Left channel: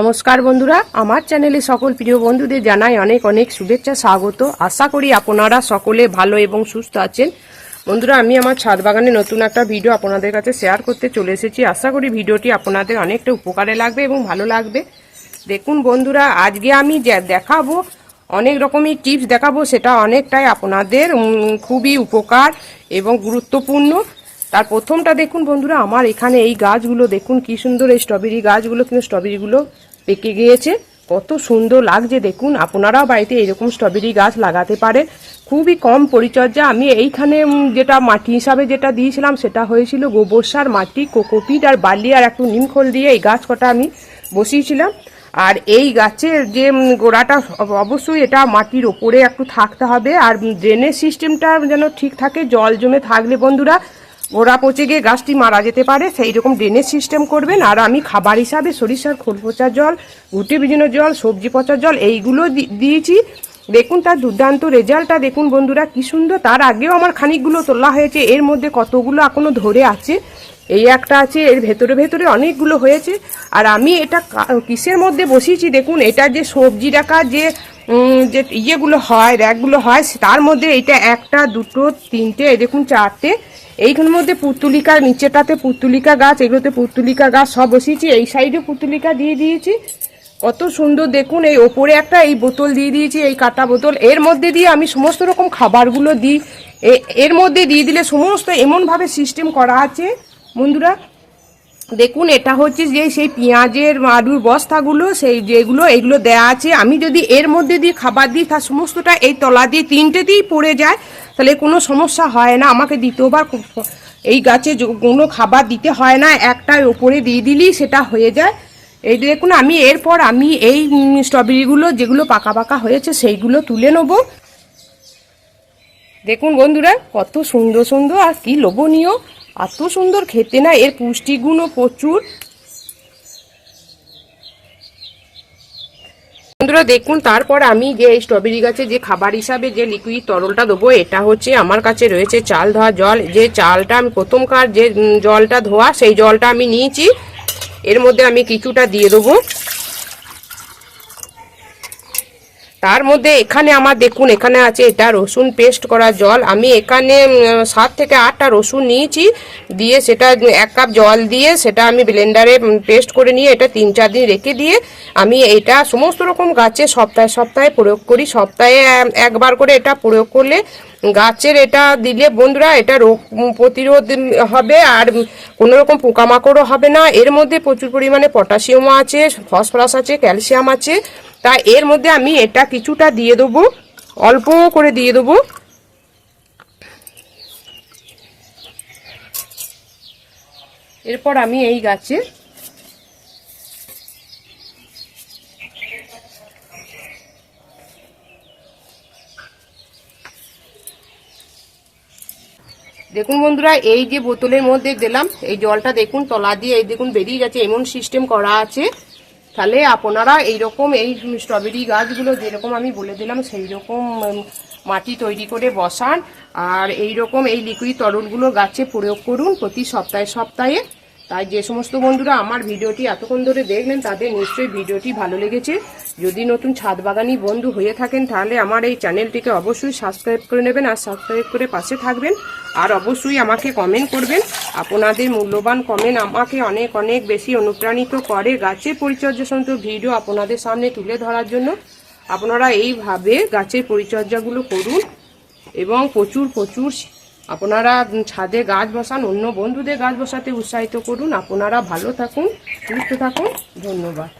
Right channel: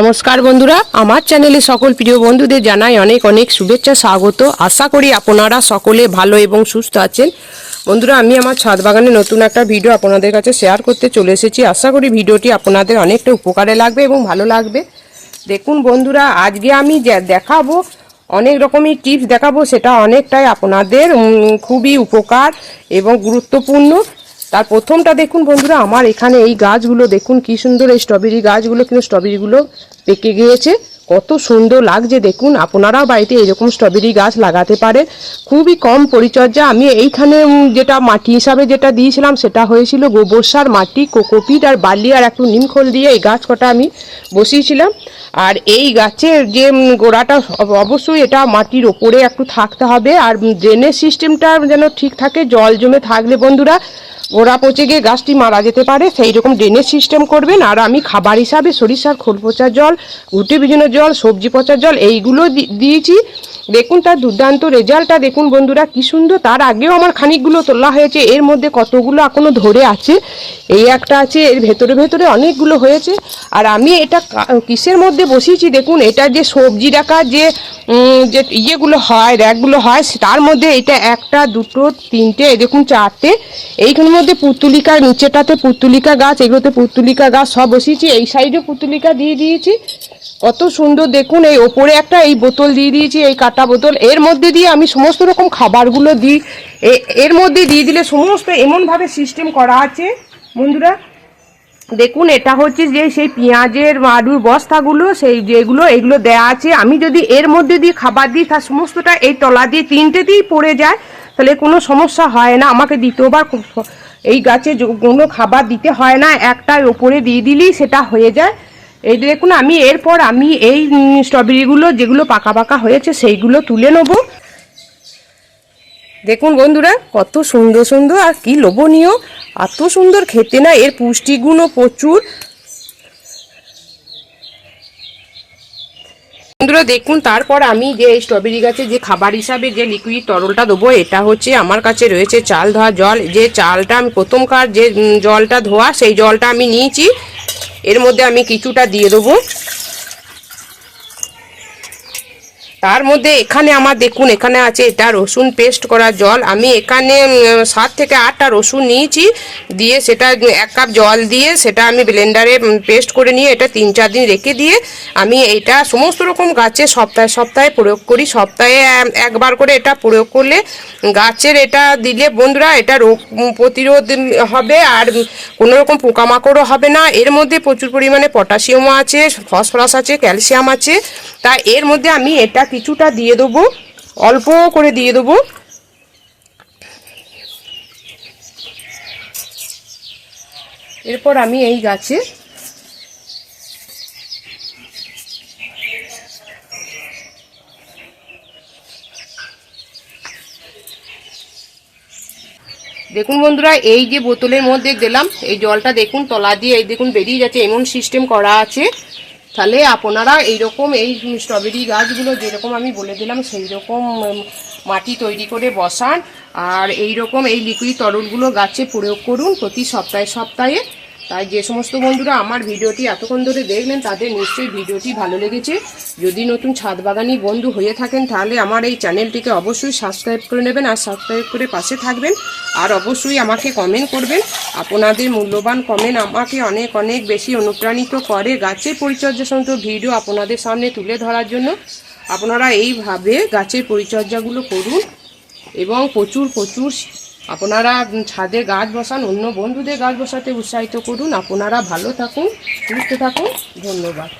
নমস্কার বন্ধুরা, আমার চ্যানেলে সকল প্রিয় বন্ধুদের জানাই অনেক অনেক শুভেচ্ছা, স্বাগত। আশা করি আপনারা সকলে ভালো এবং সুস্থ আছেন। বন্ধুরা, আমি আমার ছাদ বাগানে নতুন একটা ভিডিও আপনাদের কাছে শেয়ার করতে চলে এসেছি। আশা করি ভিডিওটি আপনাদের অনেকটা উপকারে লাগবে এবং ভালো লাগবে। দেখুন বন্ধুরা, আজকে আমি দেখাবো, অনেক রকমই টিপস দেখাবো, সেটা অনেকটাই আপনাদের খুবই উপকার এবং গুরুত্বপূর্ণ। তার প্রথমটা দেখুন বন্ধুরা, আমার এখানে এই গাছগুলো দেখুন, কি সুন্দর এই স্ট্রবেরি গাছগুলো, কিন্তু স্ট্রবেরিগুলো পেকে গিয়েছে। কত সুন্দর লাগছে দেখুন, আপনারাও বাড়িতে এরকম স্ট্রবেরি গাছ লাগাতে পারেন। খুবই কম পরিচর্যা, আমি এইখানে যেটা মাটি হিসাবে যেটা দিয়েছিলাম, সেটা হয়েছিল গোবর সার, মাটি, কোকোপিট আর বালি আর একটু নিমখোল দিয়ে এই গাছ কটা আমি বসিয়েছিলাম। আর এই গাছের যে গোড়াটা অবশ্যই এটা মাটির ওপরে একটু থাকতে হবে। আর ড্রেনের সিস্টেমটা যেন ঠিক থাকে, জল জমে থাকলে বন্ধুরা গোড়া পচে গিয়ে গাছটি মারা যেতে পারে, সেই রকম ড্রেনেজ সিস্টেম করবেন। আর আমি খাবার হিসাবে সরিষার খোল পচা জল গুটি ভিজানো জল, সবজি পচা জল, এইগুলো দিয়েছি। দেখুন, তার দুর্দান্ত রেজাল্টটা দেখুন বন্ধুরা, কি সুন্দর। তার আগেও আমার খানিকগুলো তোলা হয়েছে, এর মধ্যে কতগুলো এখনও ধরে আছে, এই একটা আছে, এর ভেতরে ভেতরে অনেকগুলো হয়েছে। আর আমি এটা কিসের মধ্যে বসিয়েছি দেখুন, এটা যে সবজি রাখা, যে যে ইয়েগুলো হয়, র্যাকগুলো হয় তার মধ্যে এটা একটা, দুটো, তিনটে দেখুন চারটে। এইগুলোর মধ্যে পুতুলিকা, নিচেটাতে পুতুলিকা গাছ, এগুলোতে পুতুলিকা গাছ সব বসিয়েছি, এই সাইডে পুতুলিকা দিয়ে দিয়েছি। কত সুন্দর দেখুন, এই ওপরে একটা এই বোতল দিয়ে দিয়েছি, এই কাটা বোতল। এর মধ্যে দিয়ে আমি সমস্ত রকম খাবারগুলো দিই। এর মধ্যে দিয়ে দিলে সমস্ত এমনভাবে সিস্টেম করা আছে। বন্ধুরা, দেখুন, এটা হচ্ছে যে সেই পেঁয়াজের আলুর বস্তাগুলো, সেই যেগুলো, এগুলো দেয়া আছে। আমি যদি এর মধ্যে দিয়ে খাবার দিই, তার সমস্তটা এই তলা দিয়ে তিনটেতেই পড়ে যায়। তাহলে কোনো সমস্যা হয় না। আমাকে দ্বিতীয়বার এই গাছে কোনো খাবার দিতে হয় না। একটা ওপরে দিয়ে দিলেই সেটা হয়ে যায়। এই দেখুন, আমি এরপর আমি এই স্ট্রবেরিগুলো যেগুলো পাকা পাকা হয়েছে সেইগুলো তুলে নেব। দেখুন বন্ধুরা, কত সুন্দর সুন্দর, আর কি লোভনীয়, এত সুন্দর খেতে না, এর পুষ্টিগুণও প্রচুর। বন্ধুরা, দেখুন, তারপর আমি যে স্ট্রবেরি গাছে যে খাবার হিসাবে যে লিকুইড তরলটা দেবো, এটা হচ্ছে আমার কাছে রয়েছে চাল ধোয়া জল। যে চালটা আমি প্রথমকার যে জলটা ধোয়া, সেই জলটা আমি নিয়েছি। এর মধ্যে আমি কিছুটা দিয়ে দেবো। তার মধ্যে এখানে আমার দেখুন, এখানে আছে এটা রসুন পেস্ট করা জল। আমি এখানে সাত থেকে আটটা রসুন নিয়েছি, দিয়ে সেটা এক কাপ জল দিয়ে সেটা আমি ব্লেন্ডারে পেস্ট করে নিয়ে এটা তিন চার দিন রেখে দিয়ে আমি এটা সমস্ত রকম গাছে সপ্তাহে সপ্তাহে প্রয়োগ করি। সপ্তাহে একবার করে এটা প্রয়োগ করলে গাছের এটা দিলে বন্ধুরা এটা রোগ প্রতিরোধ হবে আর কোনো রকম পোকামাকড়ও হবে না। এর মধ্যে প্রচুর পরিমাণে পটাশিয়ামও আছে, ফসফরাস আছে, ক্যালসিয়াম আছে। তাই এর মধ্যে আমি এটা কিছুটা দিয়ে দেবো, অল্প করে দিয়ে দেবো। এরপর আমি এই গাছে দেখুন বন্ধুরা, এই যে বোতলের মধ্যে দিলাম, এই জলটা দেখুন, তলা দিয়ে এই দেখুন বেরিয়ে যাচ্ছে, এমন সিস্টেম করা আছে। তাহলে আপনারা এইরকম এই স্ট্রবেরি গাছগুলো যেরকম আমি বলে দিলাম সেই রকম মাটি তৈরি করে বসান। আর এই রকম এই লিকুইড তরলগুলো গাছে প্রয়োগ করুন প্রতি সপ্তাহে সপ্তাহে। তাই যে সমস্ত বন্ধুরা আমার ভিডিওটি এতক্ষণ ধরে দেখলেন, তাদের নিশ্চয়ই ভিডিওটি ভালো লেগেছে। যদি নতুন ছাদ বাগানি বন্ধু হয়ে থাকেন, তাহলে আমার এই চ্যানেলটিকে অবশ্যই সাবস্ক্রাইব করে নেবেন আর সাবস্ক্রাইব করে পাশে থাকবেন। আর অবশ্যই আমাকে কমেন্ট করবেন। আপনাদের মূল্যবান কমেন্ট আমাকে অনেক অনেক বেশি অনুপ্রাণিত করে গাছের পরিচর্যা সংক্রান্ত ভিডিও আপনাদের সামনে তুলে ধরার জন্য। আপনারা এইভাবে গাছের পরিচর্যাগুলো করুন এবং প্রচুর প্রচুর আপনারা ছাদে গাছ বসান, অন্য বন্ধুদের গাছ বসাতে উৎসাহিত করুন। আপনারা ভালো থাকুন, সুস্থ থাকুন। ধন্যবাদ।